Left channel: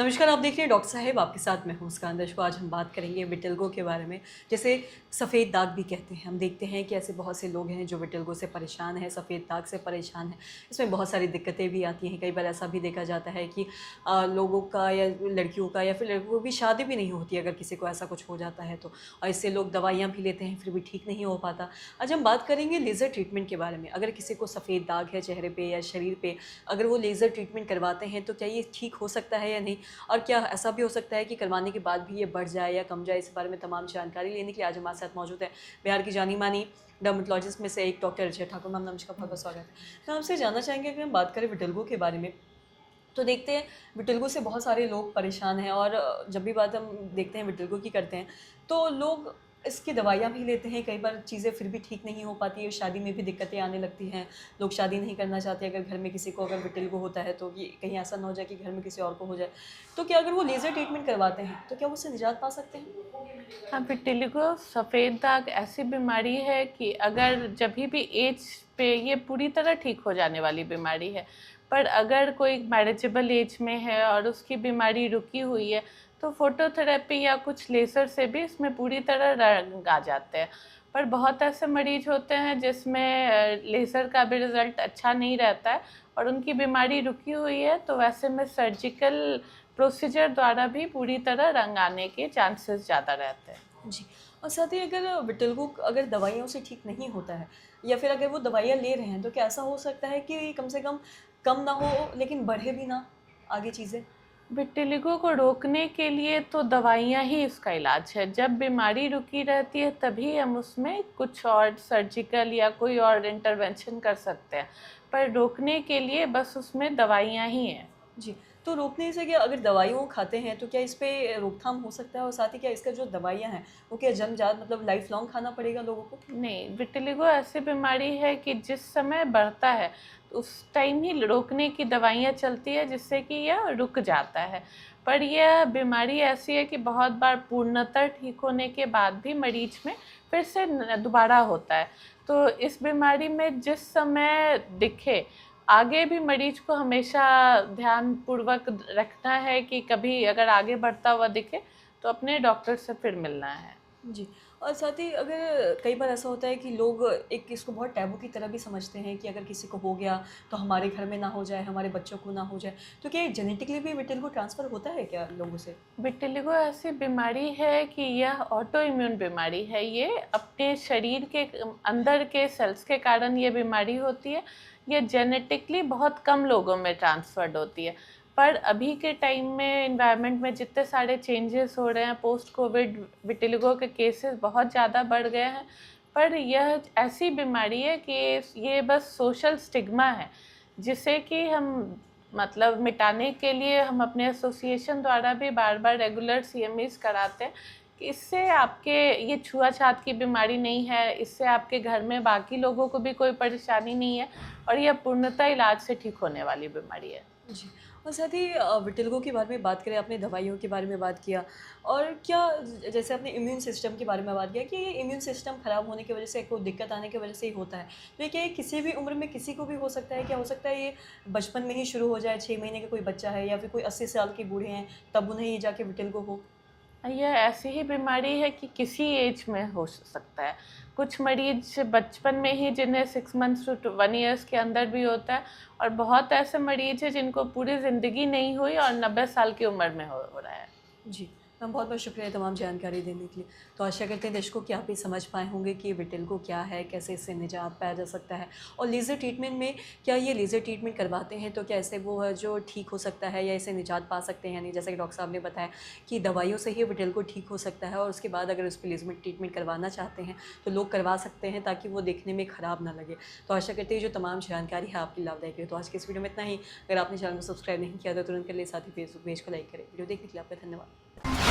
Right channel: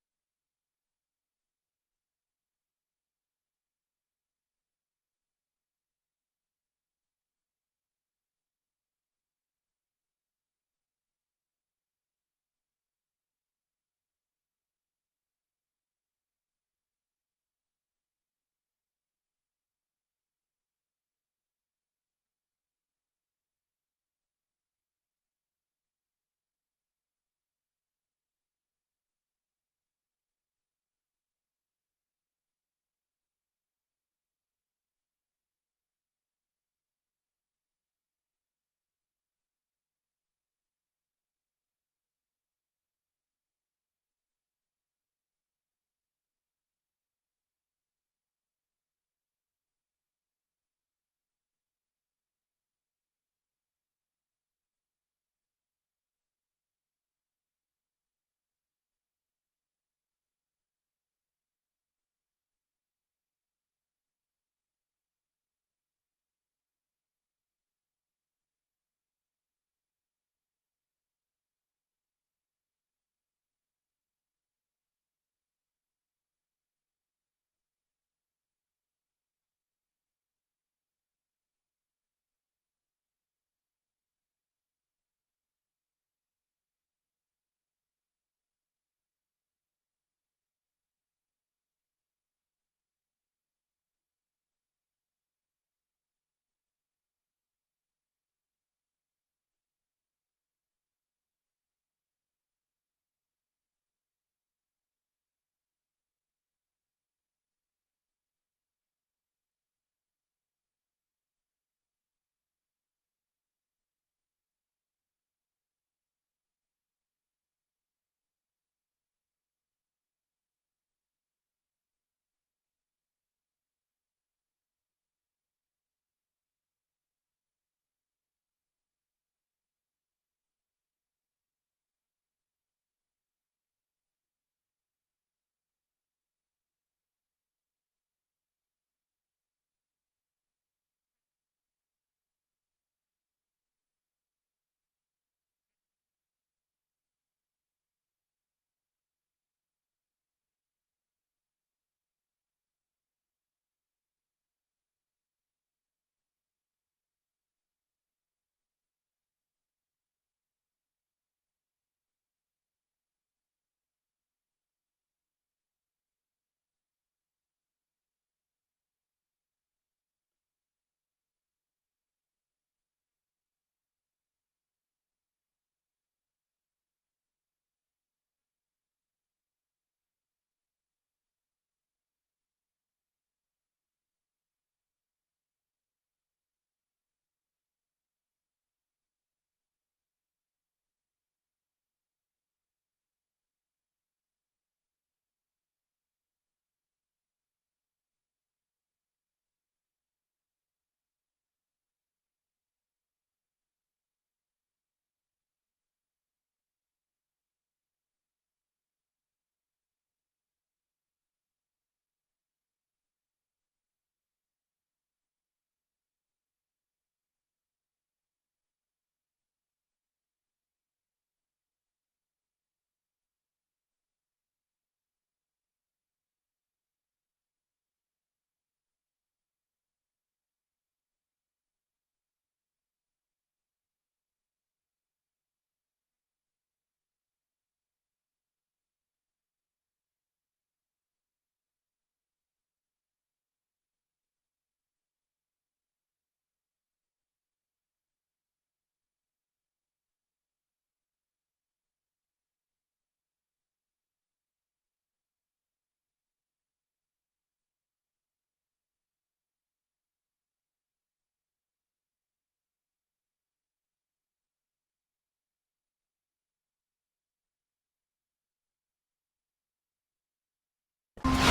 नमस्कार, आप देख रहे हैं डॉक्टर साहेब, आपके साथ मैं हूँ मुस्कान दर्शकों। आज हम बात करेंगे विटिलिगो के बारे में, जिसे सफ़ेद दाग भी कहते हैं। हम देखते हैं कि ऐसे बहुत से लोग हैं जो विटिलिगो से परेशान हैं, सफ़ेद दाग से परेशान हैं। इसमें बहुत सारी दिक्कतें भी आती हैं। कई बार ऐसा भी देखा जाता है कि लोगों का या लड़कियों का या फिर लड़कों की शादी भी नहीं होती अगर किसी को ऐसा कुछ हो जाता है तो। और इससे लोग दवाइयाँ भी लेते हैं, फिर भी ठीक नहीं हो पाता। आज हम बात करेंगे लेज़र ट्रीटमेंट के बारे में। अगर किसी को सफ़ेद दाग है चेहरे पे या शरीर पे, अगर वो लेज़र ट्रीटमेंट करवाते हैं तो क्या ये ठीक हो सकता है या नहीं? और क्या ऐसा भी हो सकता है कि करवाने के बाद भी ये बढ़ जाए या कम जाए? इस बारे में तमाम जानकारी लेने के लिए आज हमारे साथ मौजूद है बिहार की जानी-मानी डर्मेटोलॉजिस्ट में से एक डॉक्टर रिचा ठाकुर। मैम नमस्कार, बहुत-बहुत स्वागत है। मैं आपसे जानना चाहेंगे, अगर हम बात करें विटिलिगो के बारे में, तो देखते हैं विटिलिगो से बहुत सारे लोग परेशान हैं और जब भी बात हम देखते हैं विटिलिगो की करते हैं, तो लोग इसकी दवाइयाँ भी लेते हैं। कई बार चीज़ें फिर भी ठीक नहीं हो पाती है, शादी में भी दिक्कतें आने लगती हैं। लोग शादी नहीं करना चाहते अगर घर में किसी को अगर विटिलिगो होता है तो, कि कहीं ऐसा ना हो जाए कि घर में किसी और को हो जाए। तो क्या अगर वो लेज़र ट्रीटमेंट करवाते हैं, तो क्या वो उससे निजात पा सकते हैं? हाँ, विटिलिगो सफ़ेद दाग ऐसी बीमारी है कि अगर जभी भी एज पे ये पूरी तरह ठीक हो जाने वाली बीमारी है। पर अगर कोई मैनेजेबल एज में है और उसकी बीमारी रुकी हुई है, तो फ़ोटोथेरेपी या कुछ लेज़र से भी इसमें पूरी तरह रंग आ जाते हैं। पर बहुत ऐसे मरीज़ होते हैं जिसमें लेज़र का भी रिज़ल्ट अच्छा नहीं रहता है और उनकी बीमारी रुकी हुई है, तो वैसे में सर्जिकल प्रोसीजर द्वारा भी पूरी तरह रंग आने के चांसेस ज़्यादा रहते हैं। जी। और साथ ही अगर विटिलिगो अगर दवाइयों से ठीक नहीं होता है या फिर अगर वो दवाइयाँ ले रहे हैं, तो क्या ऐसा हो सकता है कि कम से कम ना हो लेकिन बढ़े भी ना आगे चीज़ें? विटिलिगो को रोकने के लिए तो दवाइयाँ ही इसका इलाज है। जब बीमारी रुकी रहती है तभी हम उसमें कुछ और सर्जिकल या कोई और इंटरवेंशन कर सकते हैं। पर रोकने के लिए बस उसमें दवाइयाँ ही हैं। जी। तो रोकने से क्या, अगर दवाइयों खाते हैं तो क्या इस पे रोकथाम हो सकता है? और साथ ही क्या इसका जो दवाइयाँ हैं, वो क्या जन्मजात मतलब लाइफ़ लॉन्ग खाना पड़ेगा लोगों को? नहीं, विटिलिगो ऐसी बीमारी है कि जिस समय बढ़ता है, तो उस टाइम ही रोकने की दवाइयाँ चलती है जिससे कि यह रुक जाता है। पर यह बीमारी ऐसी है कि बहुत बार पूर्णतः ठीक होने के बाद भी मरीज़ में फिर से दोबारा होता है। तो इस बीमारी में जिस समय दिखे, आगे भी मरीज़ को हमेशा ध्यानपूर्वक रखना है कि कभी अगर आगे बढ़ता हुआ दिखे, तो अपने डॉक्टर से फिर मिलना है। जी। और साथ ही अगर कई बार ऐसा होता है कि लोग एक इसको बहुत टैबू की तरह भी समझते हैं कि अगर किसी को हो गया तो हमारे घर में ना हो जाए, हमारे बच्चों को ना हो जाए। तो क्या ये जेनेटिकली भी विटिलिगो ट्रांसफ़र होता है क्या लोगों से? विटिलिगो ऐसी बीमारी है कि यह ऑटो इम्यून बीमारी है। ये अपने शरीर के अंदर के सेल्स के कारण ये बीमारी होती है। ये जेनेटिकली बहुत कम लोगों में ट्रांसफर्ड होती है। पर अभी के टाइम में एनवायरनमेंट में जितने सारे चेंजेस हो रहे हैं, पोस्ट कोविड विटिलिगो के केसेस बहुत ज़्यादा बढ़ गए हैं। पर यह ऐसी बीमारी है कि ये बस सोशल स्टिग्मा है, जिसे कि हम मतलब मिटाने के लिए हम अपने एसोसिएशन द्वारा भी बार-बार रेगुलर सीएमईज़ कराते हैं कि इससे आपके ये छुआ-छात की बीमारी नहीं है, इससे आपके घर में बाकी लोगों को भी कोई परेशानी नहीं है और यह पूर्णतः इलाज से ठीक होने वाली बीमारी है। जी। और साथ ही विटिलिगो के बारे में बात करें, आपने दवाइयों के बारे में बात किया, और क्या जैसे आपने इम्यून सिस्टम के बारे में बात किया कि ये इम्यून सिस्टम खराब होने की वजह से, कोई दिक्कत आने की वजह से ही होता है। तो ये क्या, ये किसी भी उम्र में किसी को भी हो सकता है? क्या हो सकता है ये बचपन में ही शुरू हो जाए, 6 महीने का कोई बच्चा है या फिर कोई 80 साल के बूढ़े हैं, तब उन्हें ये जाके विटिलिगो हो? यह ऐसी ही बीमारी है कि किसी एज में हो सकता है। कुछ मरीज़ बचपन में ही जिन्हें 6 मंथ्स टू 1 ईयर्स के अंदर भी होता है और बहुत ऐसे मरीज़ हैं जिनको पूरी ज़िंदगी नहीं हुई और 90 साल की उम्र में हो रहा है। जी। मैम बहुत-बहुत शुक्रिया तमाम जानकारी देने के लिए। तो आशा करते हैं दर्शकों कि आप भी समझ पाए होंगे कि विटिलिगो क्या है, कैसे इससे निजात पाया जा सकता है, और लेज़र ट्रीटमेंट में क्या ये लेज़र ट्रीटमेंट करवाते हैं तो क्या इससे वो है जो ठीक हो सकता है या इससे निजात पा सकते हैं या नहीं? जैसा कि डॉक्टर साहब ने बताया कि दवाइयों से ही विटिलिगो ठीक हो सकता है, और उसके बाद अगर उस पे लेज़र ट्रीटमेंट करवाना चाहते हैं तो लोग करवा सकते हैं ताकि वो देखने में ख़राब ना लगे। तो आशा करते हैं जो तमाम जानकारी है आपके लाभदायक है। तो आज के इस वीडियो में इतना ही। अगर आपने चैनल को सब्सक्राइब नहीं किया तो तुरंत कर लें, साथ ही फेसबुक पेज को लाइक करें। वीडियो देखने के लिए आपका धन्यवाद।